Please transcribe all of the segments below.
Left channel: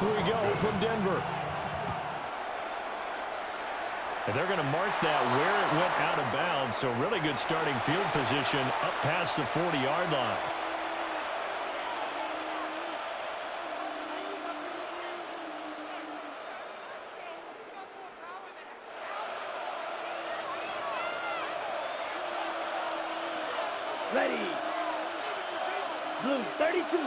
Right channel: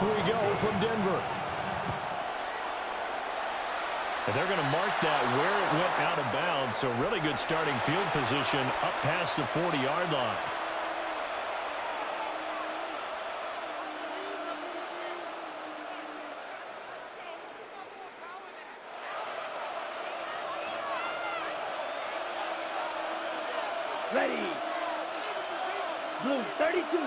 Off we go from Denver. And they're going to mark that where it went out of bounds. So really good starting field position up past the 40-yard line. Ready. Blue 32.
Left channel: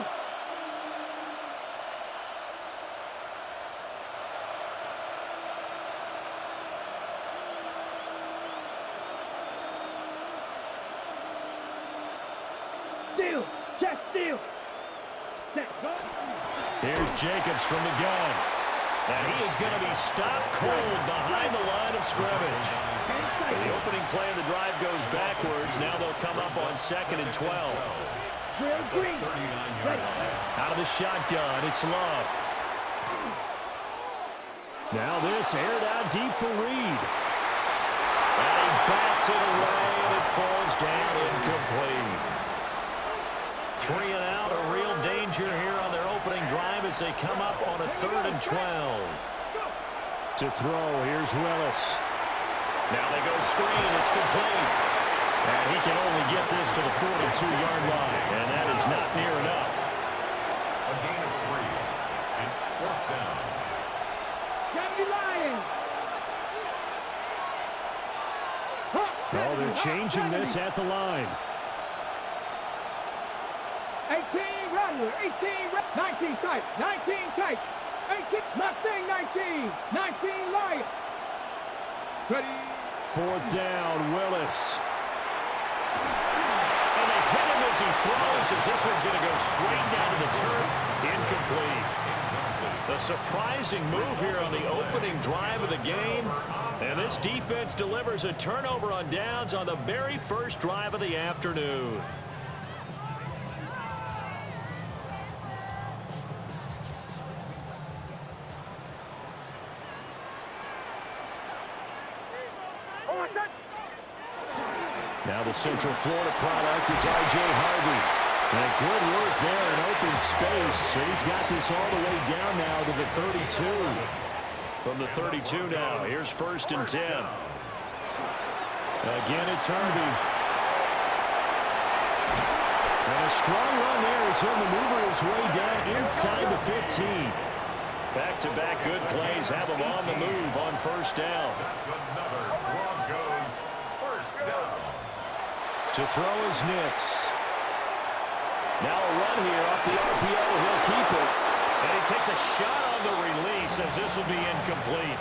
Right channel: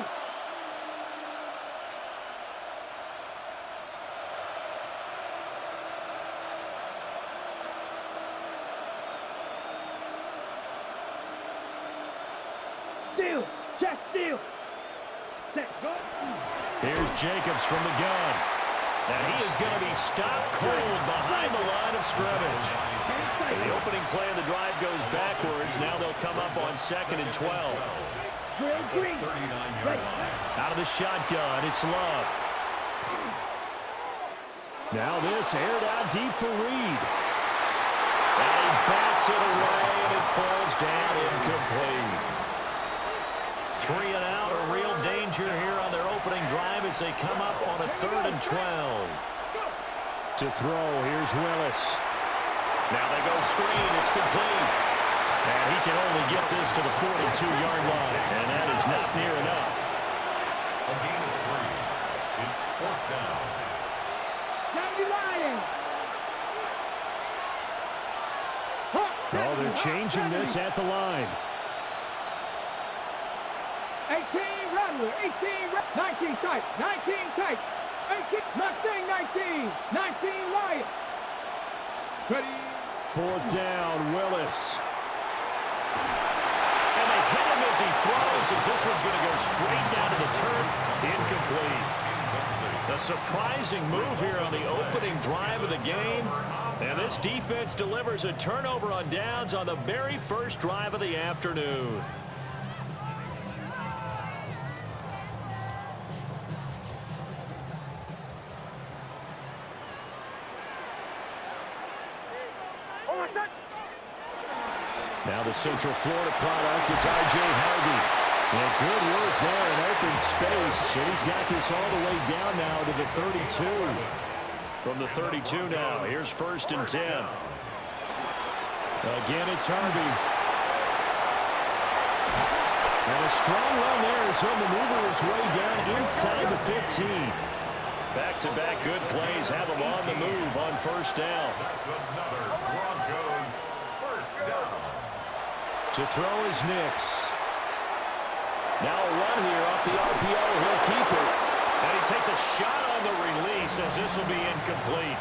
Steal. Check steal. Set go. Here's Jacobs from the gun. And he is going to be stopped cold behind the line of scrimmage. The opening play of the drive goes backwards. Now they'll come up on 2nd and 12. Drill green. Ready. Out of the shotgun, it's Love. Now this aired out deep for Reed. And he bats it away, and it falls down incomplete. 3 and out, a real danger here on their opening drive as they come up on a 3rd and 12. To throw, here's Willis. Now they go screen, it's complete. And he can only get this to the 42-yard line, and that is not near enough. A gain of 3. It's 4th down. County Lions. Oh, they're changing this at the line. 18 Rattler, 18, 19 type, 19 type, 18, Mustang 19, 19 Lion. Ready. 4th down, Willis. And they hit him as he throws, as this one's going to go straight down to the turf. Incomplete. A surprising move here on the opening drive of the game. And this defense delivers a turnover on downs on the very first drive of the afternoon. Now the Central Florida product is R.J. Harvey. And good work there in open space. And he's got this all the way down now to the 32. From the 32 now, here's 1st and 10. Again, it's Harvey. And a strong run there as he'll maneuver his way down inside the 15. Back-to-back good plays have him on the move on 1st down. That's another Broncos 1st down. To throw is Nix. Now a run here off the RPO. He'll keep it. And he takes a shot on the release as this will be incomplete.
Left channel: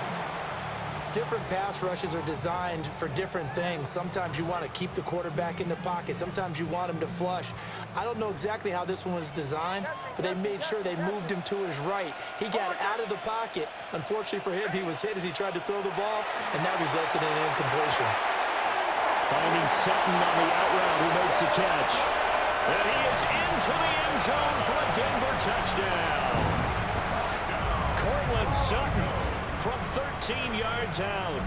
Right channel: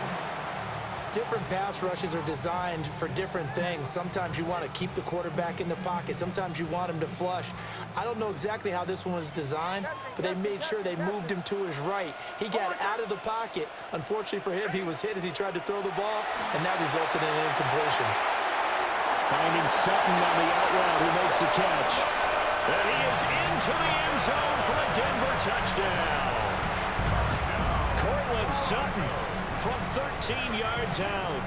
Different pass rushes are designed for different things. Sometimes you want to keep the quarterback in the pocket. Sometimes you want him to flush. I don't know exactly how this one was designed, but they made sure they moved him to his right. He got out of the pocket. Unfortunately for him, he was hit as he tried to throw the ball, and that resulted in an incompletion. Finding Sutton on the out route, who makes the catch. And he is into the end zone for a Denver touchdown. Cortland Sutton from 13 yards out.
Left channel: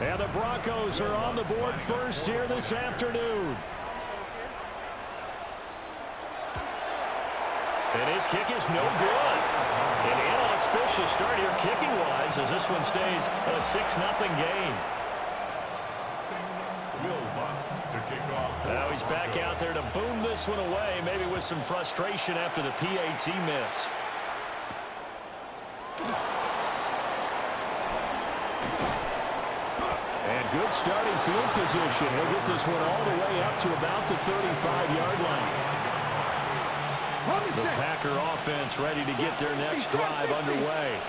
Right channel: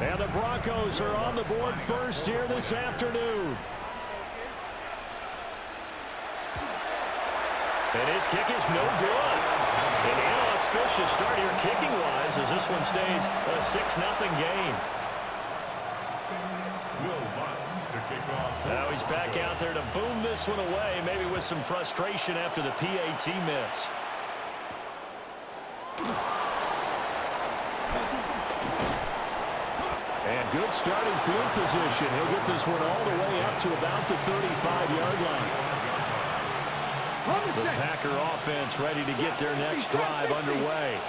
And the Broncos are on the board first here this afternoon. And his kick is no good. An inauspicious start here kicking-wise as this one stays a 6-0 game. To kick off. Now he's back out there to boom this one away, maybe with some frustration after the PAT miss. And good starting field position. He'll get this one all the way up to about the 35-yard line. The Packer offense ready to get their next drive underway.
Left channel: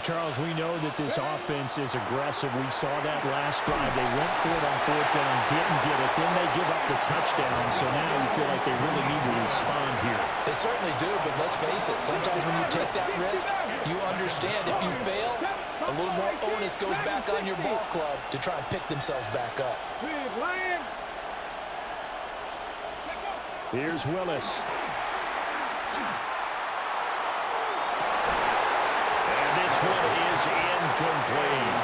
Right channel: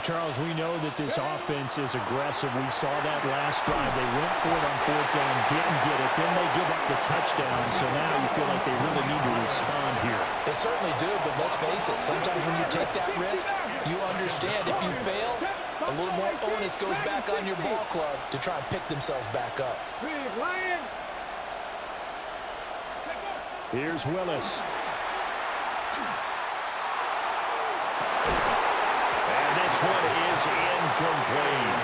Charles, we know that this offense is aggressive. We saw that last drive. They went for it on 4th down, didn't get it. Then they give up the touchdown. So now you feel like they really need to respond here. They certainly do, but let's face it. Sometimes when you take that risk, you understand if you fail, a little more onus goes back on your ball club to try and pick themselves back up. Here's Willis. This one is incomplete.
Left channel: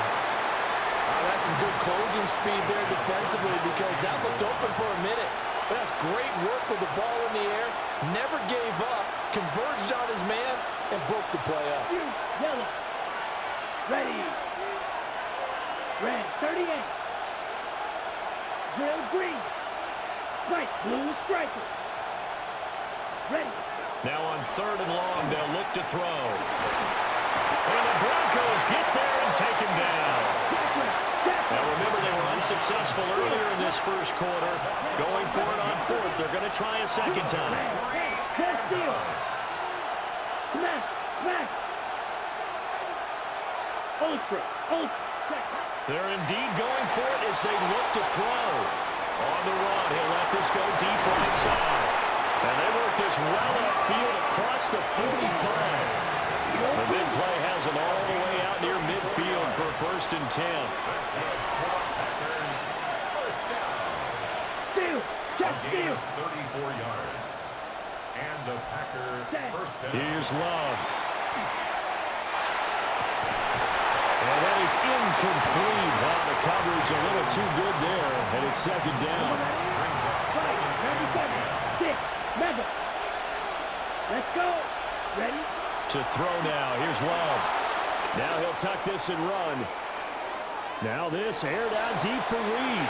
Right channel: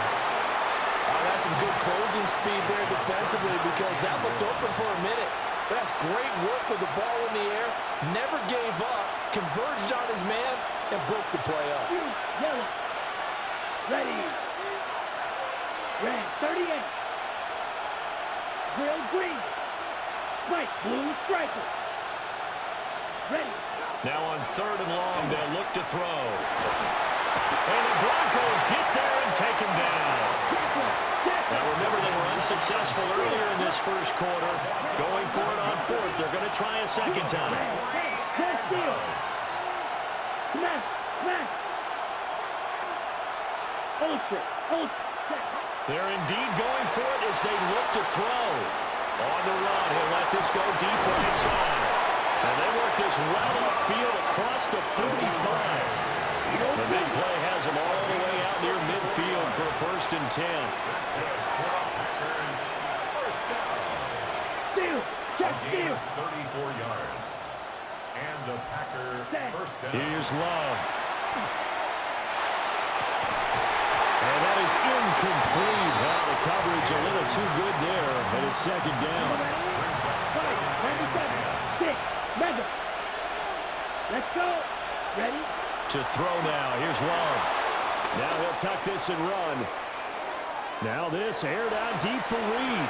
That's some good closing speed there defensively because that looked open for a minute. But that's great work with the ball in the air. Never gave up. Converged on his man. and broke the play up. You, yellow. Ready. Red, 38. Grill, green. White, blue, striker. Ready. Now on 3rd and long, they'll look to throw. And the Broncos get there and take him down. Now remember, they were unsuccessful earlier in this first quarter. Going for it on 4th. They're going to try a second time. Best deal. Smash, smash. Ultra. They're indeed going for it as they look to throw. On the run, he'll let this go deep right side. And they work this well upfield across the 45. The big play has them all the way out near midfield for a 1st and 10. First down. Steal. Check steal. 34 yards. And a Packer first down. Here's Love. And that is incomplete. Well, the coverage a little too good there, and it's 2nd down. Brings up 2nd and 10. 6. Mega. Let's go. Ready? To throw now. Here's Love. Now he'll tuck this and run. Now this aired out deep for Reed.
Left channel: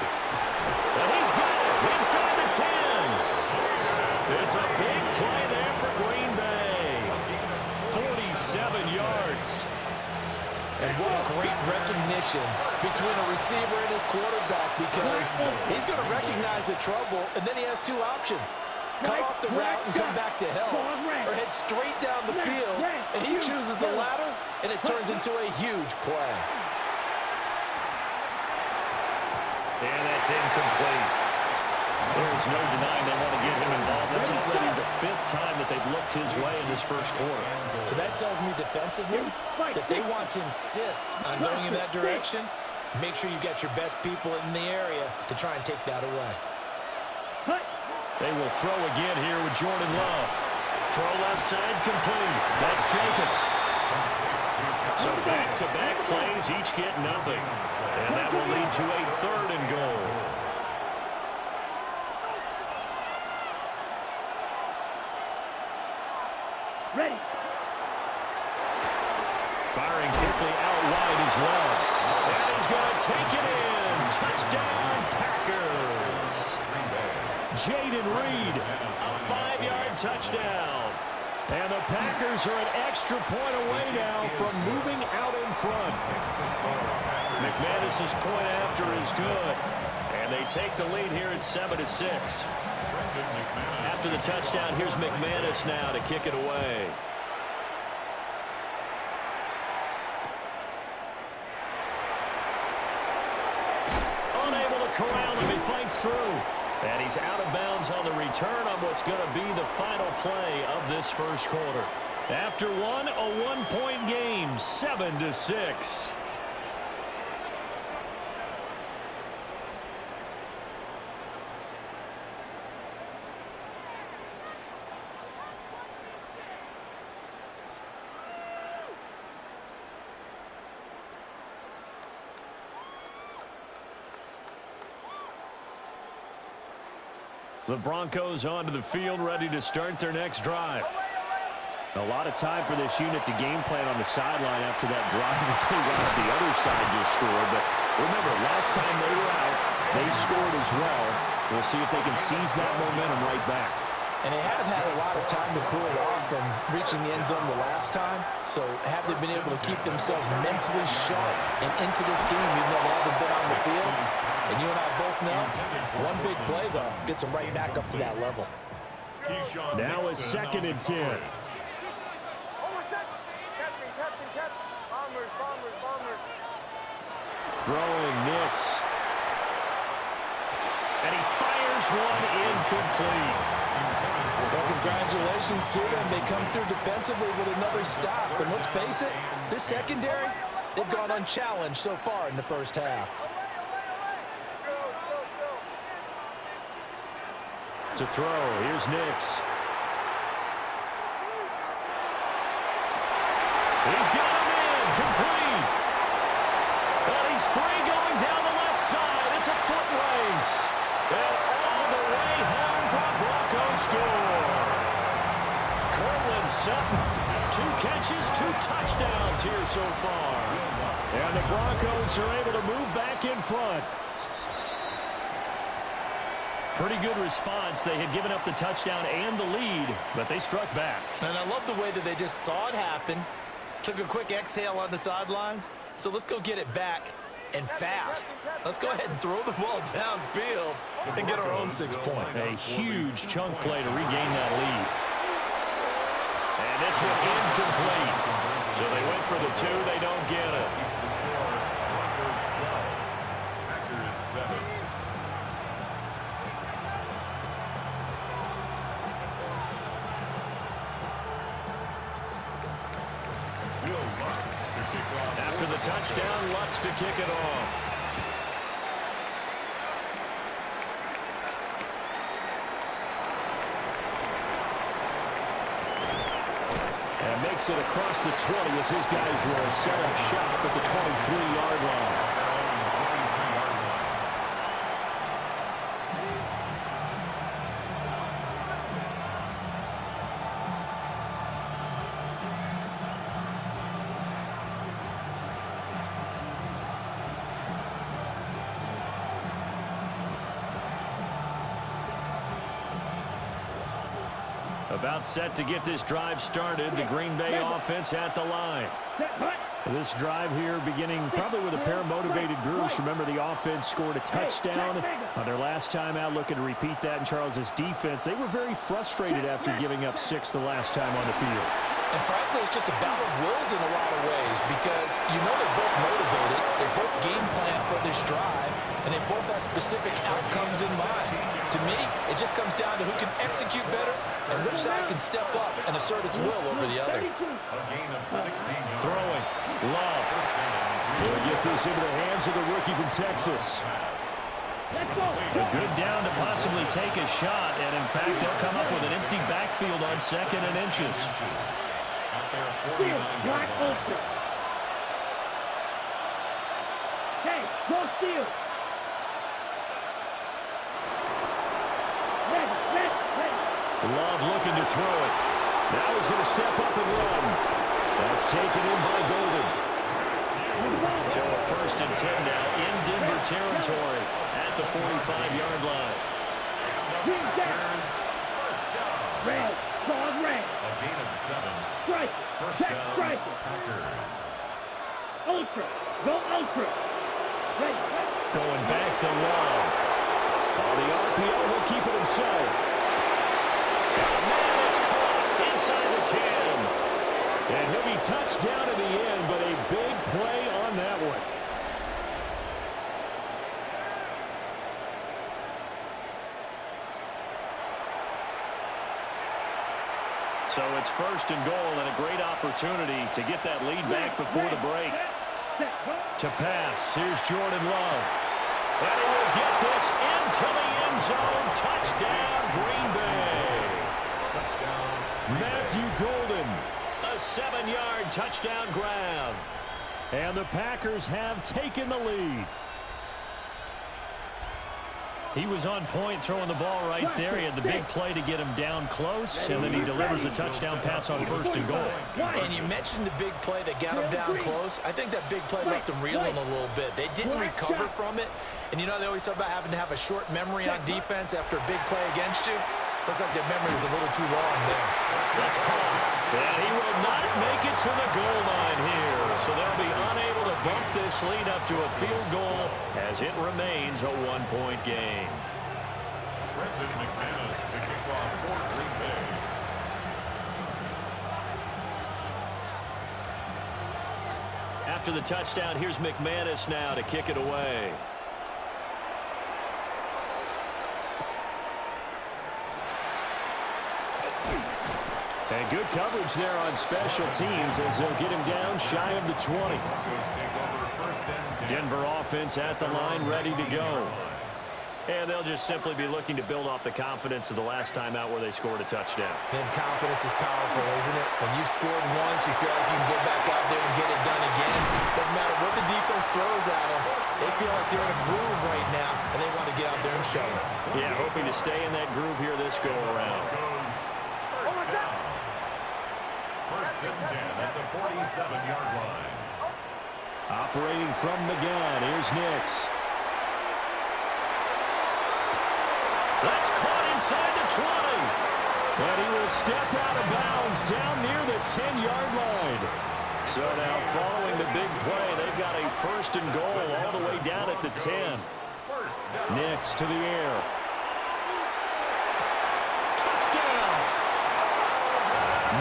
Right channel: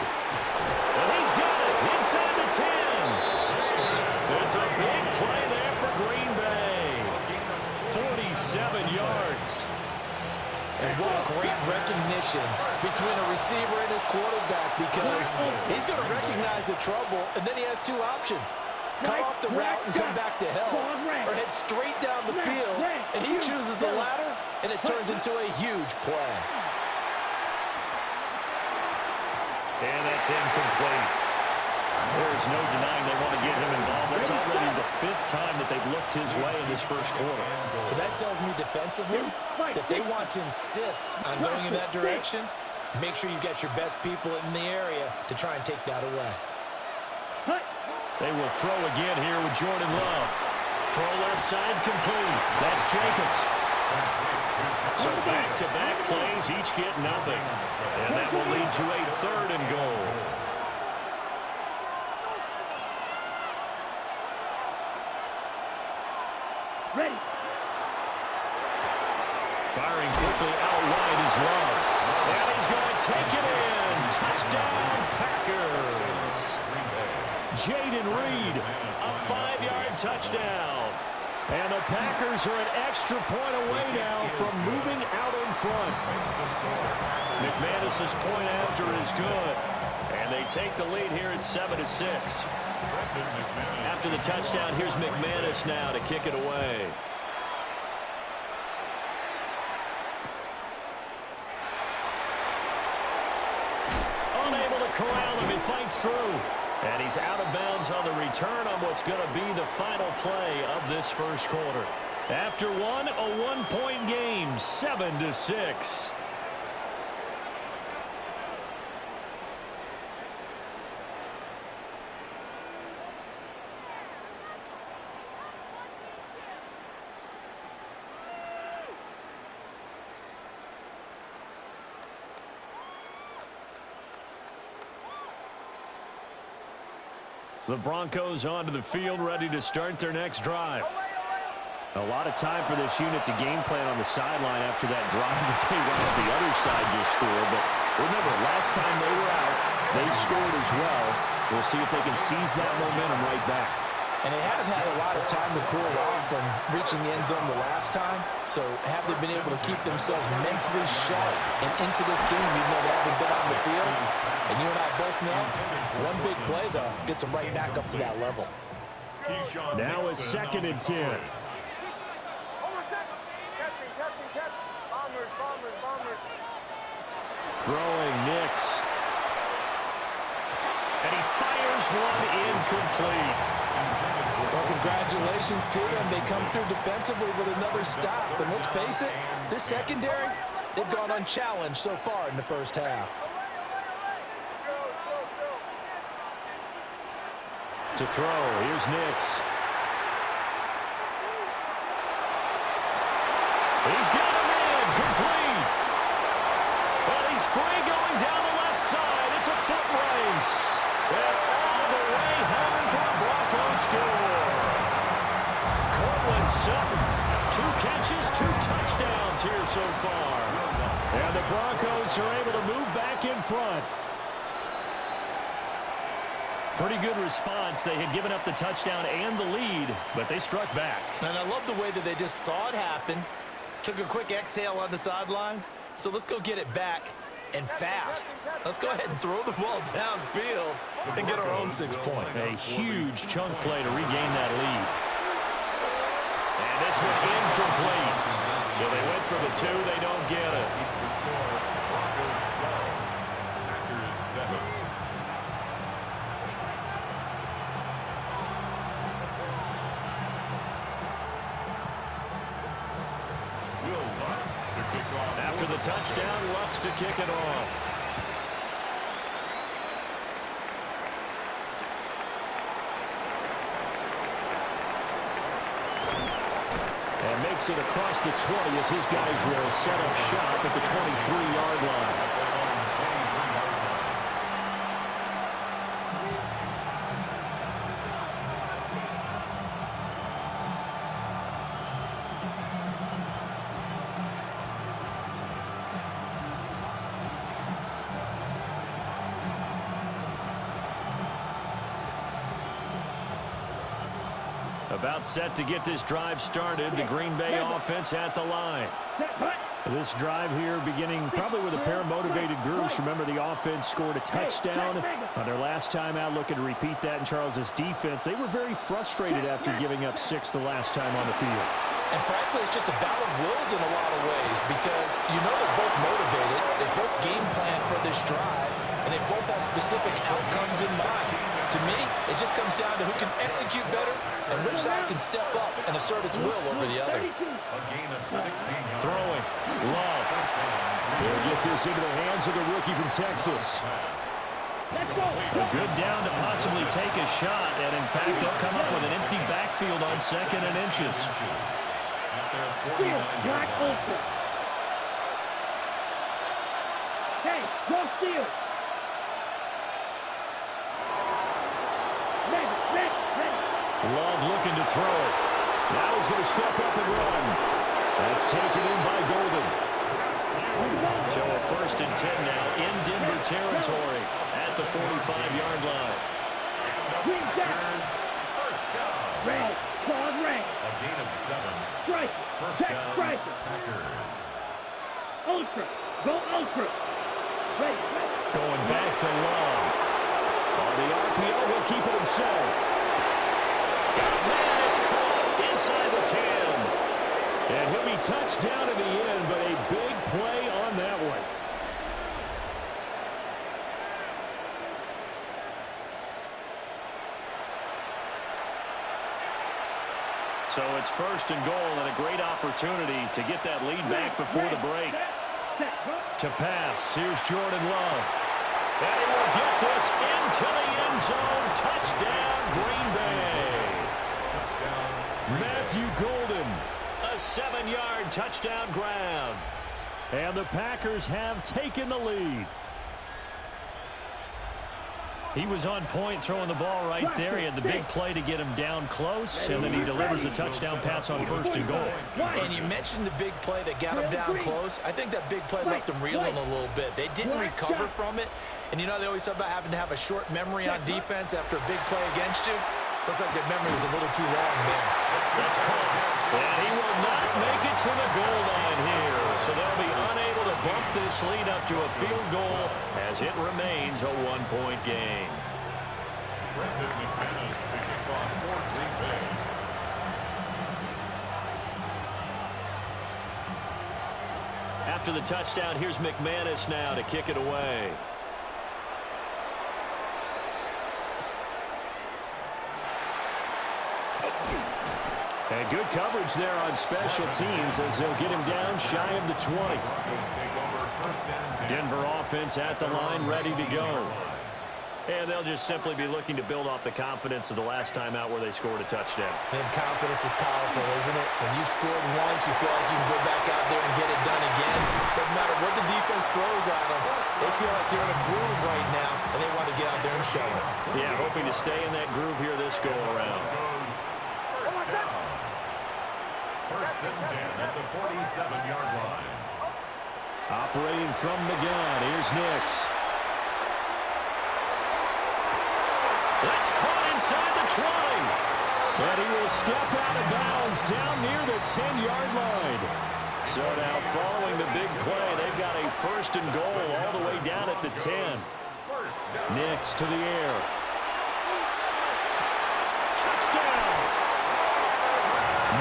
And he's got it inside the 10. It's a big play there for Green Bay. 47 yards. And what great recognition between a receiver and his quarterback, because he's going to recognize the trouble, and then he has 2 options. Cut off the route and come back to help, or head straight down the field, and he chooses the latter, and it turns into a huge play. And that's incomplete. There's no denying they want to get him involved. That's already the 5th time that they've looked his way in this first quarter. So that tells me defensively that they want to insist on going in that direction. Make sure you got your best people in the area to try and take that away. They will throw again here with Jordan Love. Throw left side complete. That's Jacobs. So back-to-back plays, each get nothing. And that will lead to a 3rd and goal. Ready. Firing quickly out wide is Love. And he's going to take it in. Touchdown, Packers. Jaden Reed, a 5-yard touchdown. And the Packers are an extra point away now from moving out in front. McManus's point after is good. And they take the lead here at 7-6. After the touchdown, here's McManus now to kick it away. Unable to corral him, he fights through. And he's out of bounds on the return on what's going to be the final play of this first quarter. After one, a 1-point game, 7-6. The Broncos onto the field, ready to start their next drive. A lot of time for this unit to game plan on the sideline after that drive that they watched the other side just score. But remember, last time they were out, they scored as well. We'll see if they can seize that momentum right back. And they have had a lot of time to cool off from reaching the end zone the last time. So have they been able to keep themselves mentally sharp and into this game, even though they haven't been on the field? And you and I both know, one big play, though, gets them right back up to that level. Now it's 2nd and 10. Throwing Nix. And he fires one incomplete. Well, congratulations to them. They come through defensively with another stop. And let's face it, this secondary, they've gone unchallenged so far in the first half. To throw, here's Nix. He's got him in, complete. And he's free going down the left side. It's a foot race. And all the way home for a Broncos score. Cortland Sutton 2 catches, 2 touchdowns here so far. And the Broncos are able to move back in front. Pretty good response. They had given up the touchdown and the lead, but they struck back. And I love the way that they just saw it happen, took a quick exhale on the sidelines. So let's go get it back and fast. Let's go ahead and throw the ball downfield and get our own 6 points. A huge chunk play to regain that lead. And this one incomplete. So they went for the 2. They don't get it. The score, Broncos 12, Packers 7. After the touchdown, Lutz to kick it off. And makes it across the 20 as his guys will set up shop at the 23-yard line. About set to get this drive started. The Green Bay offense at the line. This drive here beginning probably with a pair of motivated groups. Remember, the offense scored a touchdown on their last time out, looking to repeat that in Charles's defense. They were very frustrated after giving up 6 the last time on the field. And frankly, it's just a battle of wills in a lot of ways because you know they're both motivated, they both game plan for this drive, and they both have specific outcomes in mind. To me, it just comes down to who can execute better and which side can step up and assert its will over the other. A gain of 16 yards. Throwing. Love. They'll get this into the hands of the rookie from Texas. A good down to possibly take a shot, and in fact, they'll come up with an empty backfield on 2nd and inches. At their 49-yard line. Hey, go steal. Love looking to throw it. Now he's going to step up and run. That's taken in by Golden. So a 1st and 10 now in Denver territory at the 45-yard line. First down. Red, ball red. A gain of 7. Strike. First Check, down, strike. Packers. Ultra. Go ultra. Ready. Going back to Love. On the RPO, he'll keep it himself. Got a man, it's caught inside the 10. And he'll be touched down in the end, but a big play on that one. So it's 1st and goal and a great opportunity to get that lead back before the break. To pass, here's Jordan Love. And he will get this into the end zone. Touchdown, Green Bay. Touchdown. Matthew Golden, a 7-yard touchdown grab. And the Packers have taken the lead. He was on point throwing the ball right there. He had the big play to get him down close, and then he delivers a touchdown pass on 1st and goal. And you mentioned the big play that got him down close. I think that big play left them reeling a little bit. They didn't recover from it. And you know they always talk about having to have a short memory on defense after a big play against you. Looks like their memory was a little too long there. That's called. And he will not make it to the goal line here. So they'll be unable to bump this lead up to a field goal as it remains a 1-point game. Brendan McManus to kick off for Green Bay. After the touchdown, here's McManus now to kick it away. And good coverage there on special teams as they'll get him down shy of the 20. Denver offense at the line, ready to go. And they'll just simply be looking to build off the confidence of the last time out where they scored a touchdown. And confidence is powerful, isn't it? When you've scored once, you feel like you can go back out there and get it done again. Doesn't matter what the defense throws at them. They feel like they're in a groove right now, and they want to get out there and show it. Yeah, hoping to stay in that groove here this go-around. First and 10 at the 47-yard line. Operating from the gun, here's Nix. That's caught inside the 20. And he will step out of bounds down near the 10-yard line. So now following the big play, they've got a first and goal all the way down at the 10. Nix to the air. Touchdown!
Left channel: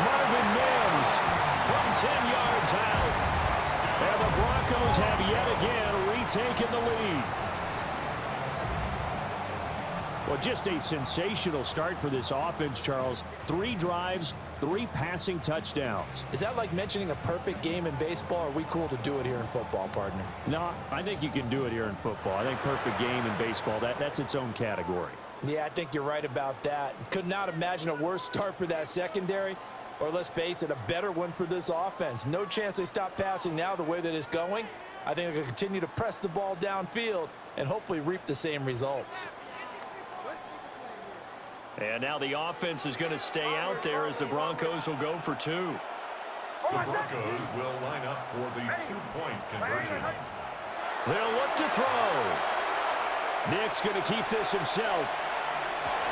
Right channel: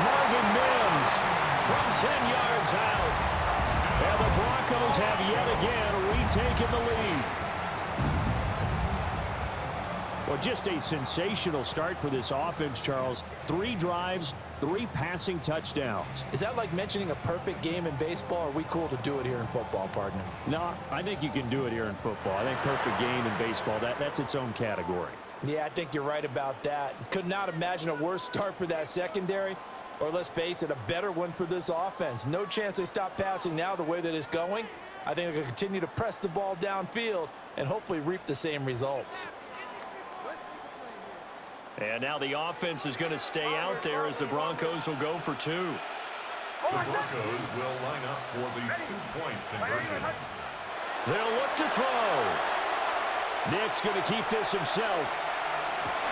Marvin Mims from 10 yards out. And the Broncos have yet again retaken the lead. Well, just a sensational start for this offense, Charles. 3 drives, 3 passing touchdowns. Is that like mentioning a perfect game in baseball? Or are we cool to do it here in football, partner? No, I think you can do it here in football. I think perfect game in baseball, that's its own category. Yeah, I think you're right about that. Could not imagine a worse start for that secondary. Or let's face it, a better one for this offense. No chance they stop passing now the way that it's going. I think they'll continue to press the ball downfield and hopefully reap the same results. And now the offense is going to stay out there as the Broncos will go for 2. The Broncos will line up for the 2-point conversion. They'll look to throw. Nick's going to keep this himself.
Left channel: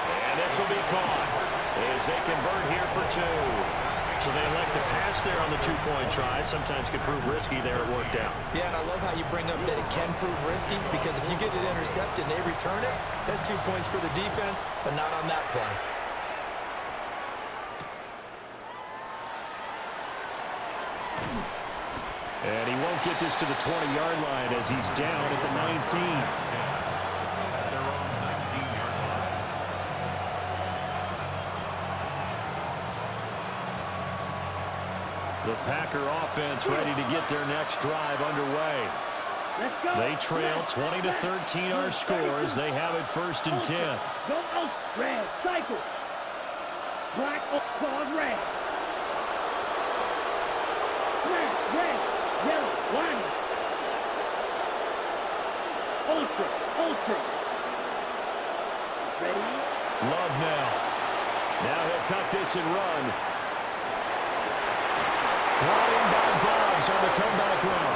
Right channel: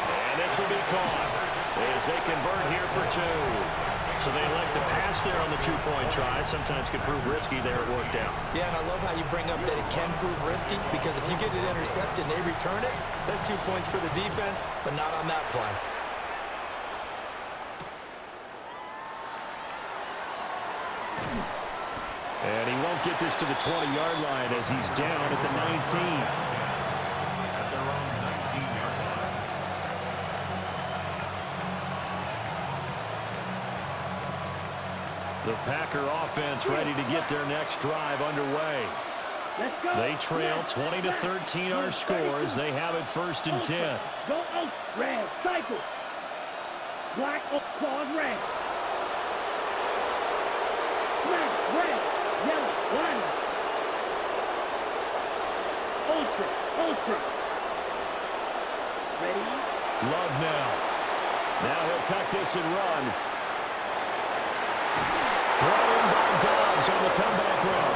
And this will be caught as they convert here for 2. So they elect to pass there on the 2-point try. Sometimes could prove risky there. It worked out. Yeah, and I love how you bring up that it can prove risky, because if you get it intercepted and they return it, that's 2 points for the defense, but not on that play. And he won't get this to the 20-yard line as he's down at the 19. At their own 19-yard line. The Packer offense ready to get their next drive underway. Let's go. They trail 20-13 our scores. They have it first and 10. Go out. Red. Cycle. Black. Claws. Red. Smash. Red. Yellow. Line. Ultra. Ultra. Ready. Love now. Now he'll tuck this and run. Brought in by Dobbs on the comeback run.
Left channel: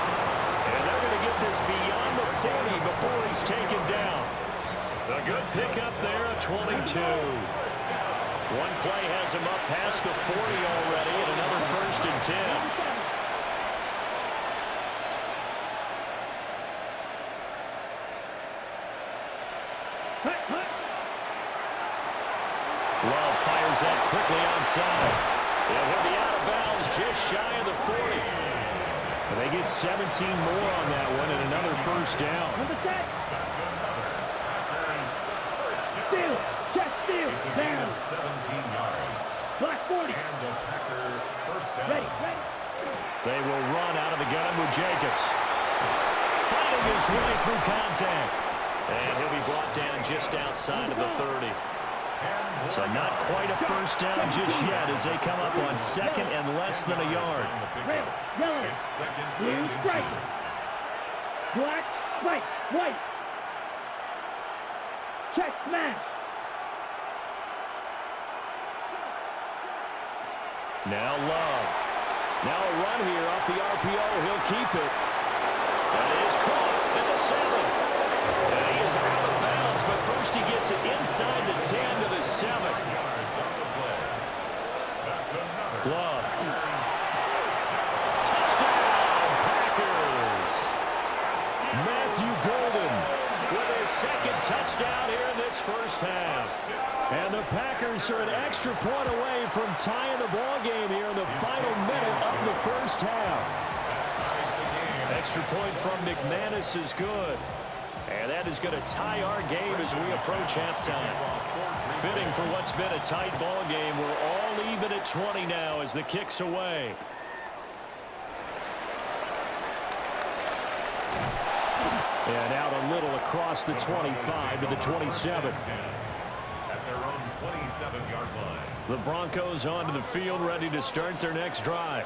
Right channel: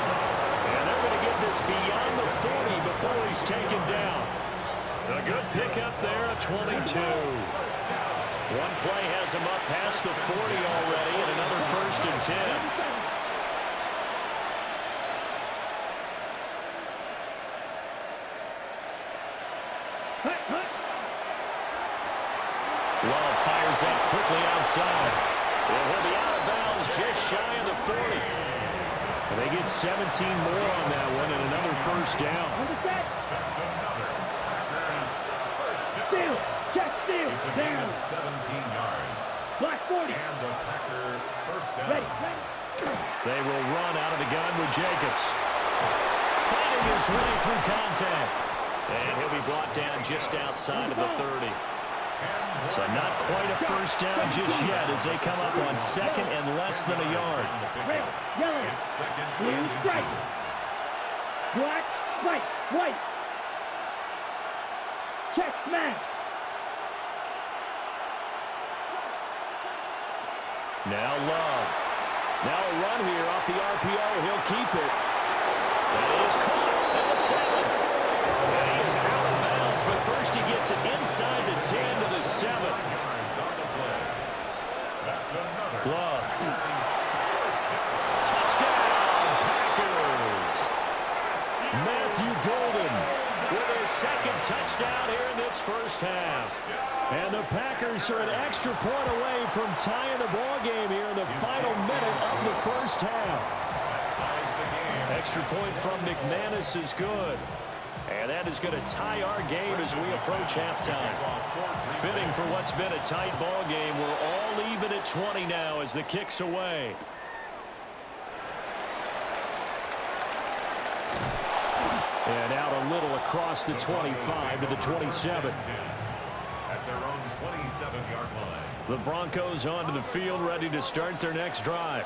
And they're going to get this beyond the 40 before he's taken down. A good pickup there at 22. One play has him up past the 40 already, and another first and 10. Love fires that quickly outside. And he'll be out of bounds just shy of the 40. And they get 17 more on that one and another first down. That's another Packers first down. Steal. Check steal. It's a gain of 17 yards. Black 40. And a Packer first down. Ready. Ready. They will run out of the gun with Jacobs. Fighting his way through contact. And he'll be brought down just outside of the 30. So not quite a first down just yet as they come up on second and less than a yard. Red. Yellow. It's second Blue. and Strike. inches. Black. White. White. Check. Smash. Now Love. Now a run here off the RPO. He'll keep it. That is caught at the 7. And he is out of bounds, but first he gets it inside the 10 to the 7. Yards on the play. That's another Love. Packers first down. Touchdown, Packers. Matthew Golden with his second touchdown here in this first half. And the Packers are an extra point away from tying the ball game here in the final minute of the first half. That ties the game. Extra point from McManus is good. And that is going to tie our game as we approach halftime. Fitting for what's been a tight ball game. We're all even at 20 now as the kick's away. And out a little across the 25 to the 27. At their own 27-yard line. The Broncos onto the field ready to start their next drive.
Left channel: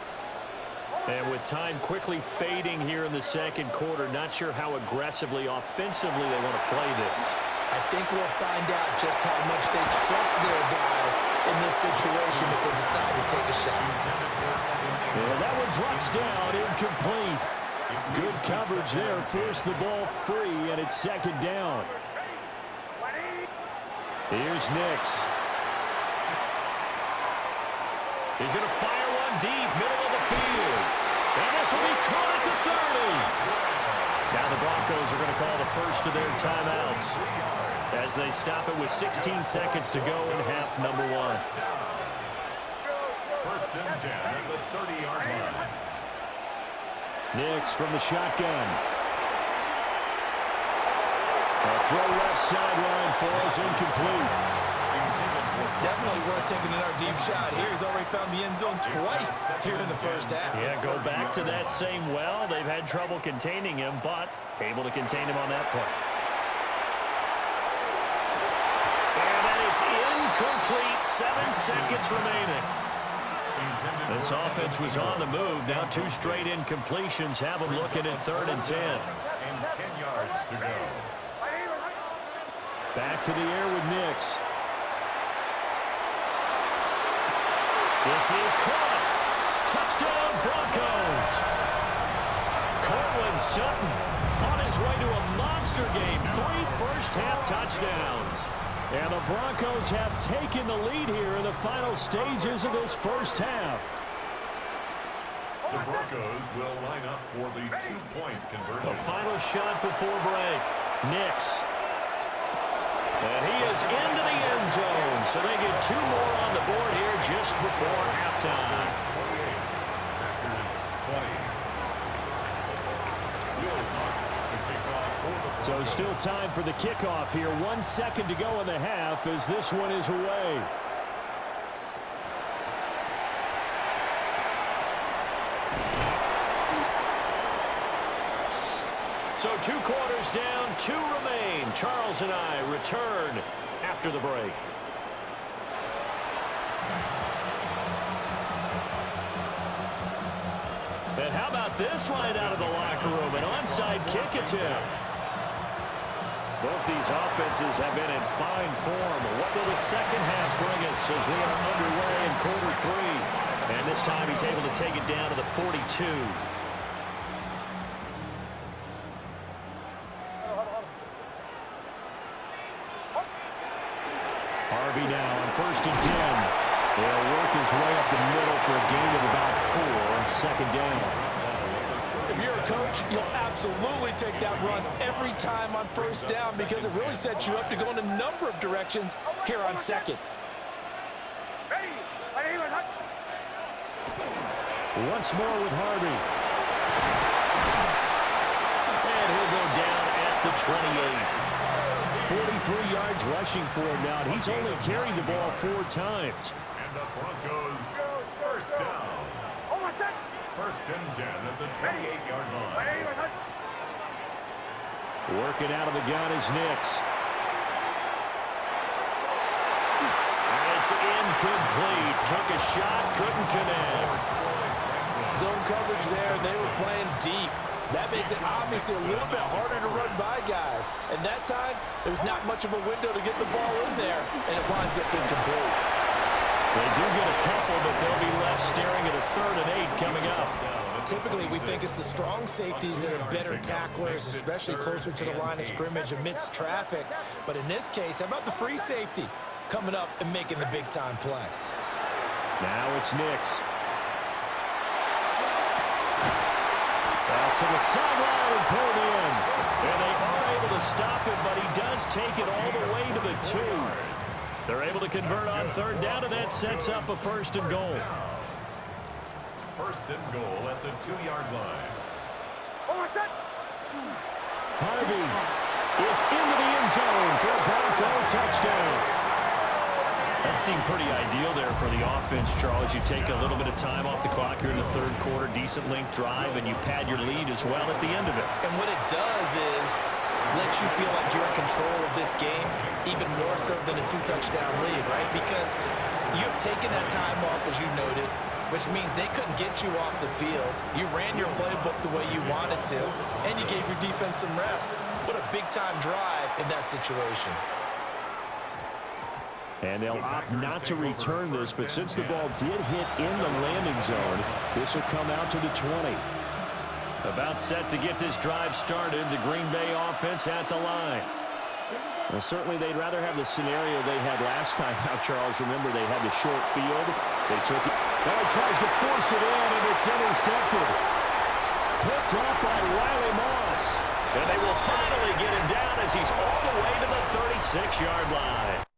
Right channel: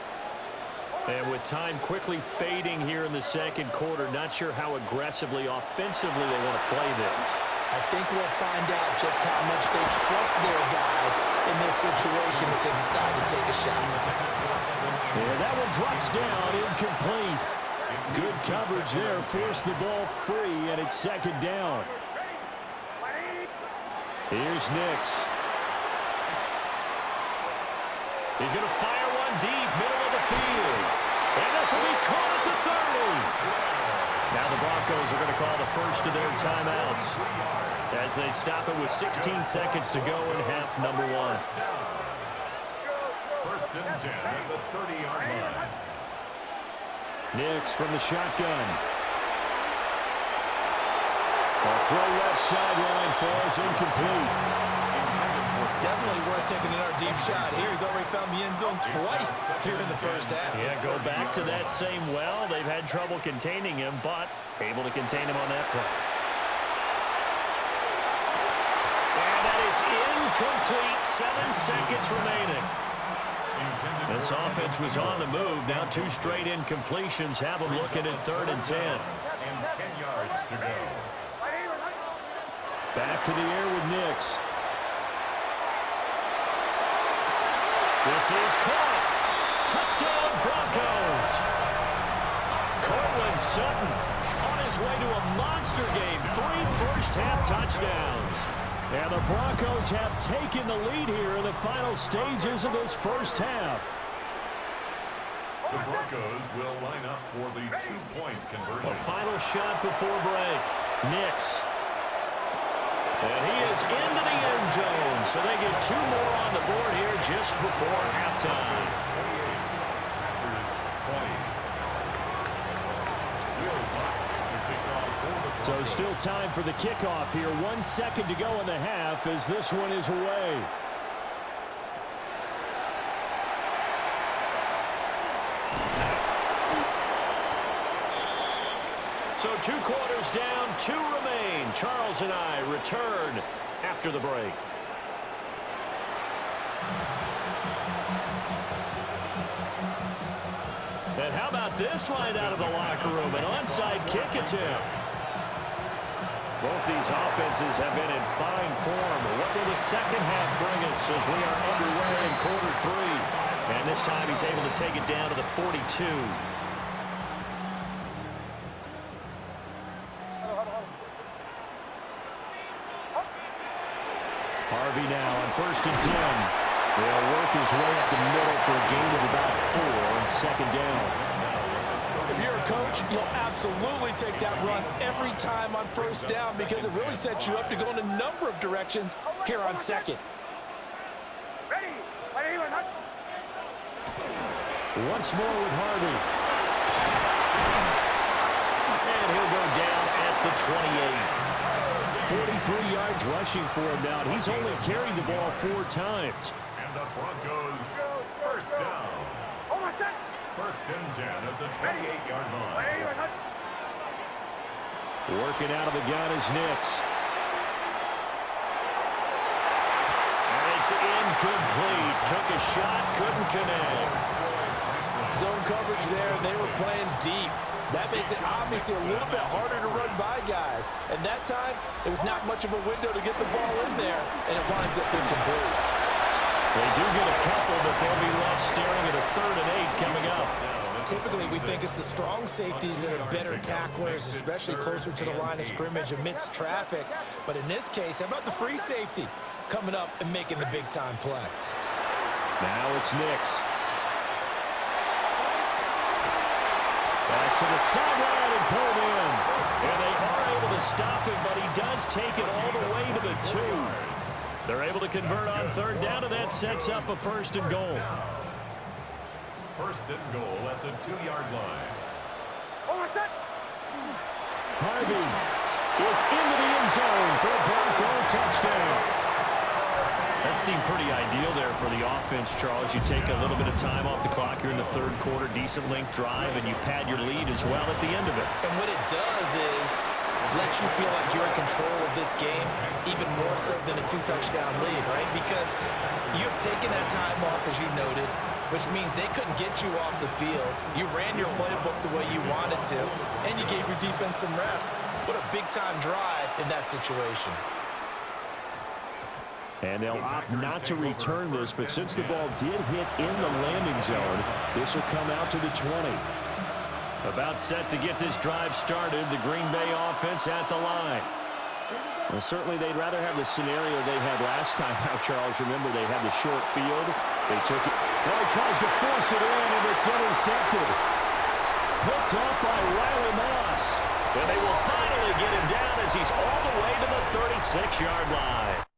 And with time quickly fading here in the second quarter, not sure how aggressively, offensively they want to play this. I think we'll find out just how much they trust their guys in this situation if they decide to take a shot. And that one drops down, incomplete. Good coverage there, forced the ball free, and it's second down. Here's Nix. He's going to fire one deep, middle of the field. And this will be caught at the 30. Now the Broncos are going to call the first of their timeouts as they stop it with 16 seconds to go in half number one. First and 10 at the 30-yard line. Nix from the shotgun. A throw left sideline falls incomplete. Definitely worth taking another deep shot here. He's already found the end zone twice here in the first half. Yeah, go back to that same well. They've had trouble containing him, but able to contain him on that play. And that is incomplete. 7 seconds remaining. This offense was on the move. Now 2 straight incompletions have them looking at 3rd and 10. And 10 yards to go. Back to the air with Nix. This is caught. Touchdown, Broncos. Cortland Sutton on his way to a monster game. 3 first-half touchdowns. And the Broncos have taken the lead here in the final stages of this first half. The Broncos will line up for the 2-point conversion. The final shot before break. Nix. And he is into the end zone, so they get 2 more on the board here just before halftime. 28, Packers 20. Will Lutz to kick off for the So Broncos. still time for the kickoff here. 1 second to go in the half as this one is away. So 2 quarters down, 2 remain. Charles and I return after the break. And how about this line out of the locker room? An onside kick attempt. Both these offenses have been in fine form. What will the second half bring us as we are underway in quarter 3? And this time he's able to take it down to the 42. Harvey now on 1st and 10. They'll work his way up the middle for a gain of about 4. Second down. If you're a coach, you'll absolutely take that run every time on 1st down because it really sets you up to go in a number of directions here on 2nd. Once more with Harvey. And he'll go down at the 28. 43 yards rushing for him now, and he's only carried the ball 4 times. And the Broncos first down. 1st and 10 at the 28-yard line. Working out of the gun is Nix. And it's incomplete. Took a shot, couldn't connect. Zone coverage there, and they were playing deep. That makes it obviously a little bit harder to run by guys. And that time, there was not much of a window to get the ball in there, and it winds up incomplete. They do get a couple, but they'll be left staring at a 3rd and 8 coming up. Typically, we think it's the strong safeties that are better tacklers, especially closer to the line of scrimmage amidst traffic. But in this case, how about the free safety coming up and making the big-time play? Now it's Nix. Pass to the sideline and pulled in. And they are able to stop him, but he does take it all the way to the 2. They're able to convert on 3rd down, and that sets up a 1st and goal. 1st and goal at the 2-yard line. Harvey is into the end zone for a Bronco touchdown. That seemed pretty ideal there for the offense, Charles. You take a little bit of time off the clock here in the 3rd quarter, decent length drive, and you pad your lead as well at the end of it. And what it does is let you feel like you're in control of this game, even more so than a 2-touchdown lead, right? Because you have taken that time off, as you noted, which means they couldn't get you off the field. You ran your playbook the way you wanted to, and you gave your defense some rest. What a big-time drive in that situation. And they'll opt not to return this, but since the ball did hit in the landing zone, this will come out to the 20. About set to get this drive started, the Green Bay offense at the line. Well, certainly they'd rather have the scenario they had last time out, Charles. Remember, they had the short field. They took it. Now he tries to force it in, and it's intercepted. Picked off by Riley Moss. And they will finally get him down as he's all the way to the 36-yard line.